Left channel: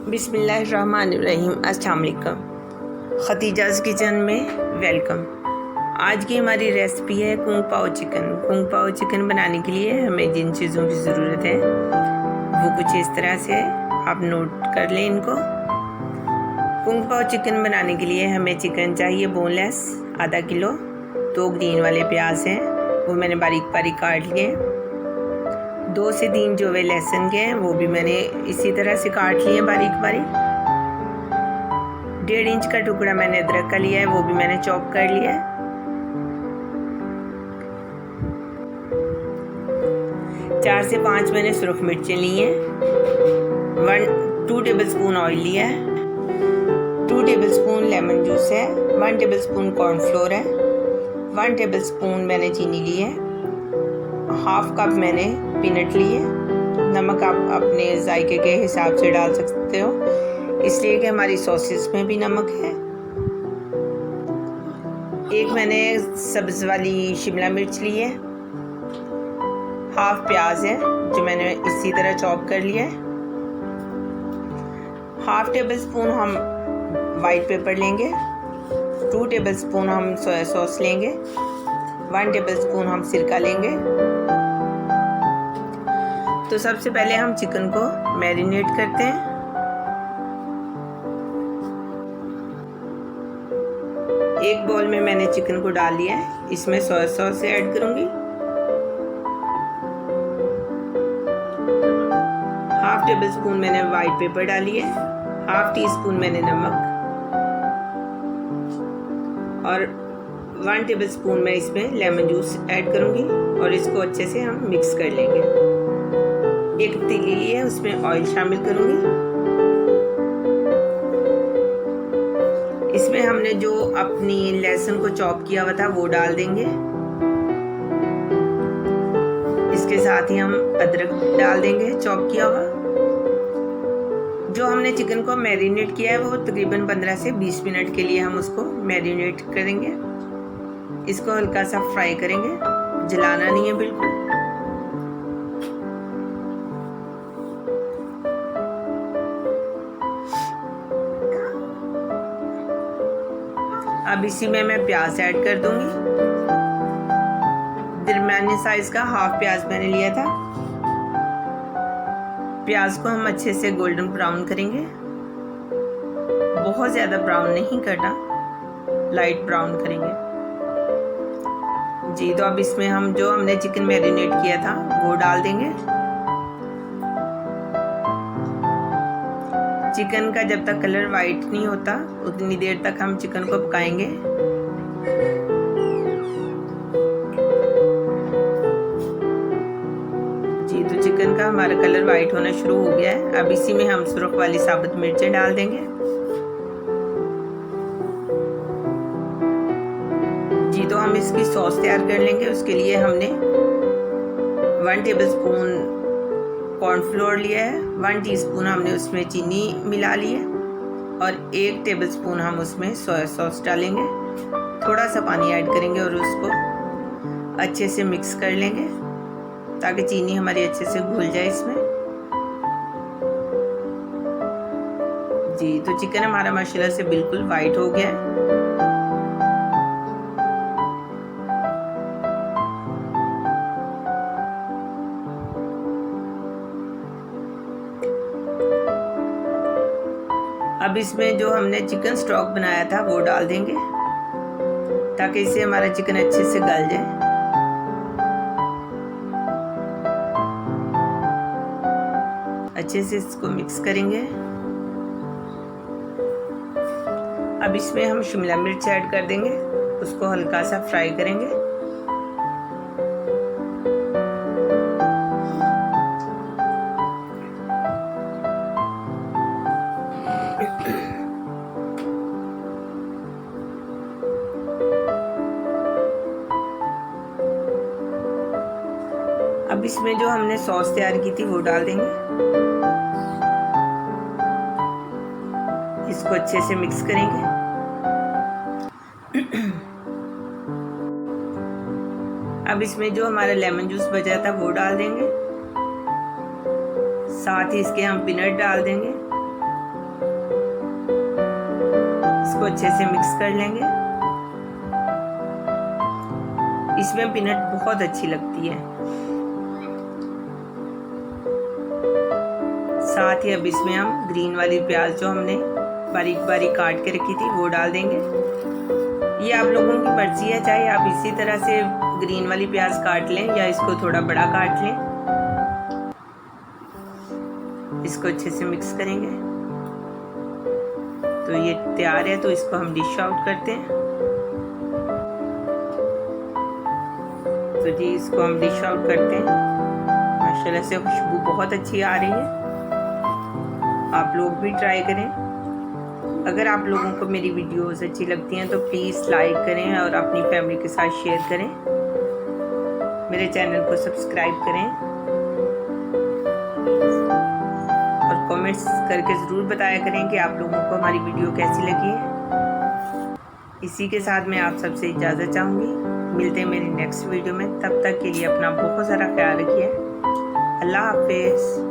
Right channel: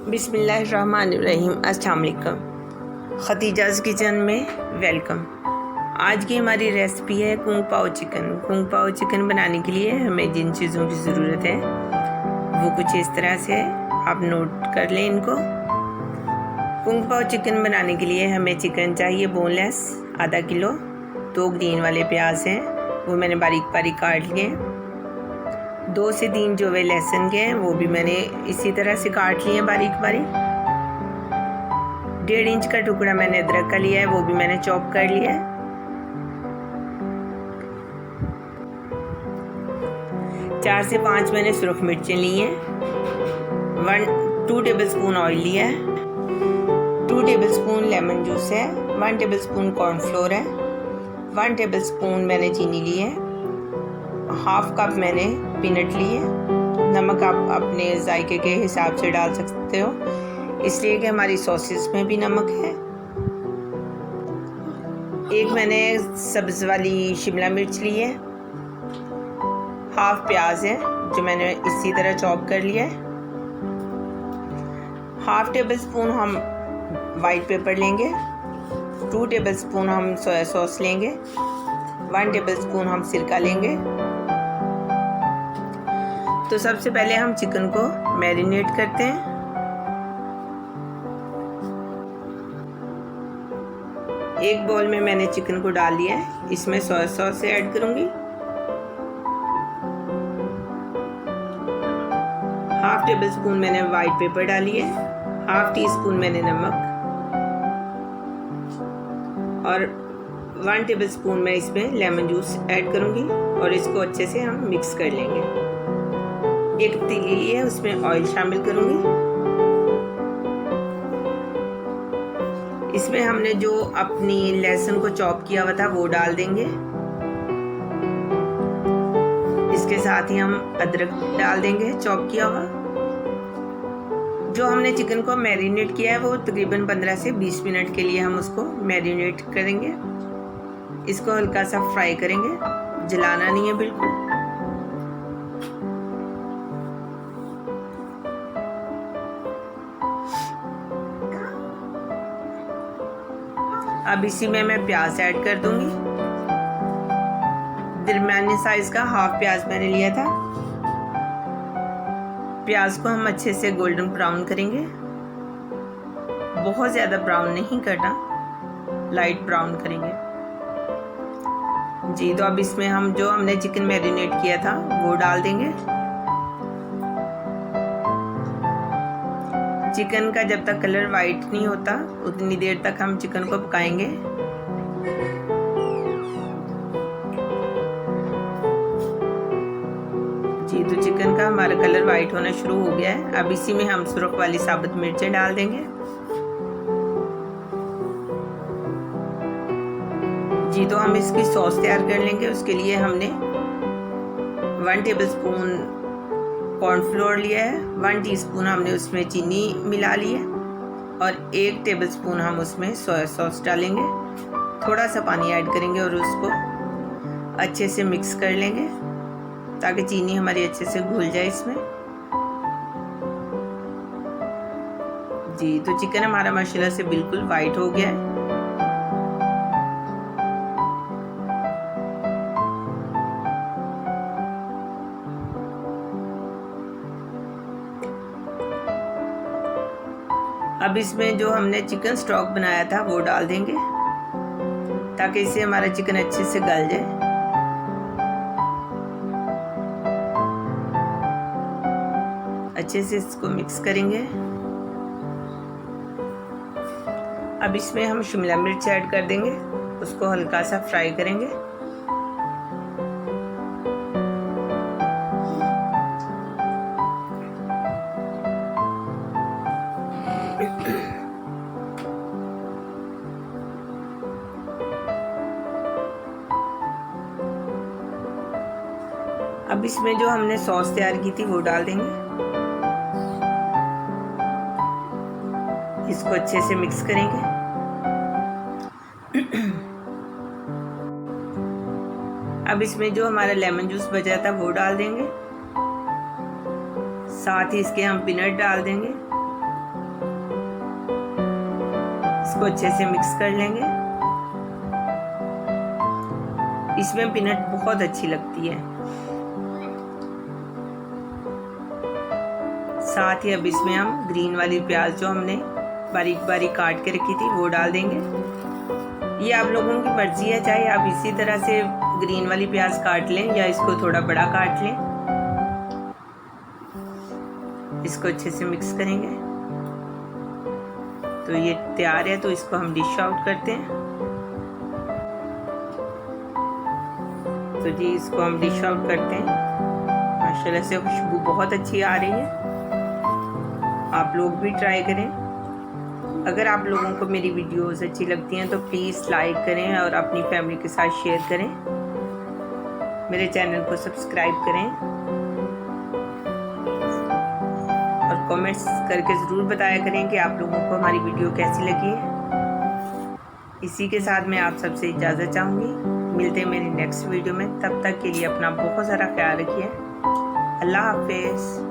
बिस्मिल्लाहिर्रहमानिर्रहीम। अस्सलाम वालेकुम। खतीजाज़ किचन में वेलकम। आज की हमारी रेसिपी है कुंग पाओ चिकन। कुंग पाओ चिकन बनाने के लिए हमें जिन चीज़ों की ज़रूरत है वो कुछ इस तरह से है, आप नोट कर लें इनको। कुंग पाओ चिकन बनाने के लिए हमें चिकन चाहिए बोनलेस आधा किलो। 2 ग्रीन वाले प्याज हैं, वो मैंने बारीक बारीक काट लिए हैं। 2 से 3 जो वे लहसुन के हैं वो भी मैंने इसी तरह से काट लिए हैं बारीक बारीक। 1.5 इंच का टुकड़ा मैंने अदरक का लिया है, वो भी मैंने चॉप कर लिया है। 4 से 5 मैंने सुरख मिर्चें ली हैं। 2 टेबलस्पून ऑयल लिया है। 2 टेबलस्पून लेमन जूस है। 1 टेबलस्पून कॉर्नफ्लोर है। 1 टेबलस्पून मैंने चीनी ली है। 1/2 कप मैंने पीनट लिए। नमक आप अपने जायके के हिसाब से डाल सकते हो, इसलिए कि हमारी सॉसेस में भी नमक है। एक मैंने सब्ज़ वाली शिमला मिर्च ली है। 1/2 प्याज है जो मैंने इसी तरह चॉप कर लिया है। 1/2 टेबलस्पून हम वाइट पेपर लेंगे। 2 टेबलस्पून हम सोया सॉस लेंगे। 1 टेबलस्पून हम सिरका लेंगे। तो सबसे पहले हम चिकन को मैरिनेट करते हैं। एक बाउल में मैंने चिकन को डाल लिया है, इसमें सोया सॉस ऐड करूंगी। 1/2 टेबलस्पून मैंने वाइट पेपर डाली है। 1/2 टीस्पून मैंने नमक और 1 टेबलस्पून मैं इसमें लेमन जूस ऐड करूंगी और इसको अच्छे से हम मिक्स कर लेंगे। एक पतीली ली है, उसमें ऑयल शामिल करूंगी। इसमें हमने जो अपनी लहसुन को चॉप किया हुआ था वो डाल देंगे। इसके साथ ही हम अदरक डाल देंगे चॉप किया हुआ। जो हमने चिकन को मैरिनेट किया है वो तकरीबन 15 से 20 मिनट के लिए हम उसको मैरिनेट करेंगे। इसको हल्का सा फ्राई करेंगे, जलाना नहीं है बिल्कुल। अब इसी में मैं प्याज ऐड कर दूंगी। दरमियाने साइज का 1/2 प्याज मैंने लिया था। प्याज को हम अच्छे से गोल्डन ब्राउन करेंगे, बहुत ज़्यादा ब्राउन नहीं करना, लाइट ब्राउन करेंगे जी। तो अब इसमें हम जो हमने चिकन मैरिनेट किया था वो डाल देंगे। चिकन का जब तक कलर वाइट नहीं होता उतनी देर तक हम चिकन को पकाएंगे। जी, तो चिकन का हमारा कलर वाइट होना शुरू हो गया है। अब इसी में हम सुरख वाली साबुत मिर्चें डाल देंगे। जी, तो हम इसकी सॉस तैयार कर लेंगे। उसके लिए हमने 1 टेबलस्पून कॉर्नफ्लोर लिया है। 1 टीस्पून हमने उसमें चीनी मिला ली है और 1 टेबलस्पून हम उसमें सोया सॉस डालेंगे। थोड़ा सा पानी ऐड करेंगे और उसको अच्छे से मिक्स कर लेंगे ताकि चीनी हमारी अच्छे से घुल जाए इसमें। जी, तो चिकन हमारा माशाल्लाह से बिल्कुल वाइट हो गया है। अब इसमें जो हमने चिकन स्टॉक बनाया था वो डाल देंगे ताकि इससे हमारा चिकन अच्छे से गल जाए। अच्छे से इसको मिक्स करेंगे। अब इसमें हम शिमला मिर्च ऐड कर देंगे, उसको हल्का सा फ्राई करेंगे। अब इसमें जो हमने सॉस तैयार की थी वो डाल देंगे। इसको अच्छे से मिक्स करेंगे। अब इसमें जो हमारा लेमन जूस बचा था वो डाल देंगे। साथ ही इसके हम पीनट डाल देंगे इसको अच्छे से मिक्स कर लेंगे। इसमें पीनट बहुत अच्छी लगती है। साथ ही अब इसमें हम ग्रीन वाली प्याज जो हमने बारीक बारीक काट के रखी थी वो डाल देंगे। ये आप लोगों की मर्जी है, चाहे आप इसी तरह से ग्रीन वाली प्याज काट लें या इसको थोड़ा बड़ा काट लें। इसको अच्छे से मिक्स करेंगे। तो ये तैयार है, तो इसको हम डिश आउट करते हैं। तो जी इसको हम डिश आउट करते हैं। माशाल्लाह से खुशबू बहुत अच्छी आ रही है। आप लोग भी ट्राई करें। अगर आप लोगों को मेरी वीडियोस अच्छी लगती हैं तो प्लीज़ लाइक करें और अपनी फैमिली के साथ शेयर करें। मेरे चैनल को सब्सक्राइब करें और कमेंट्स करके ज़रूर बताया करें कि आप लोगों को हमारी वीडियो कैसी लगी है। इसी के साथ मैं आप सबसे इजाज़त चाहूँगी। मिलते हैं मेरी नेक्स्ट वीडियो में। तब तक के लिए अपना बहुत सारा ख्याल रखिए। अल्लाह हाफिज़।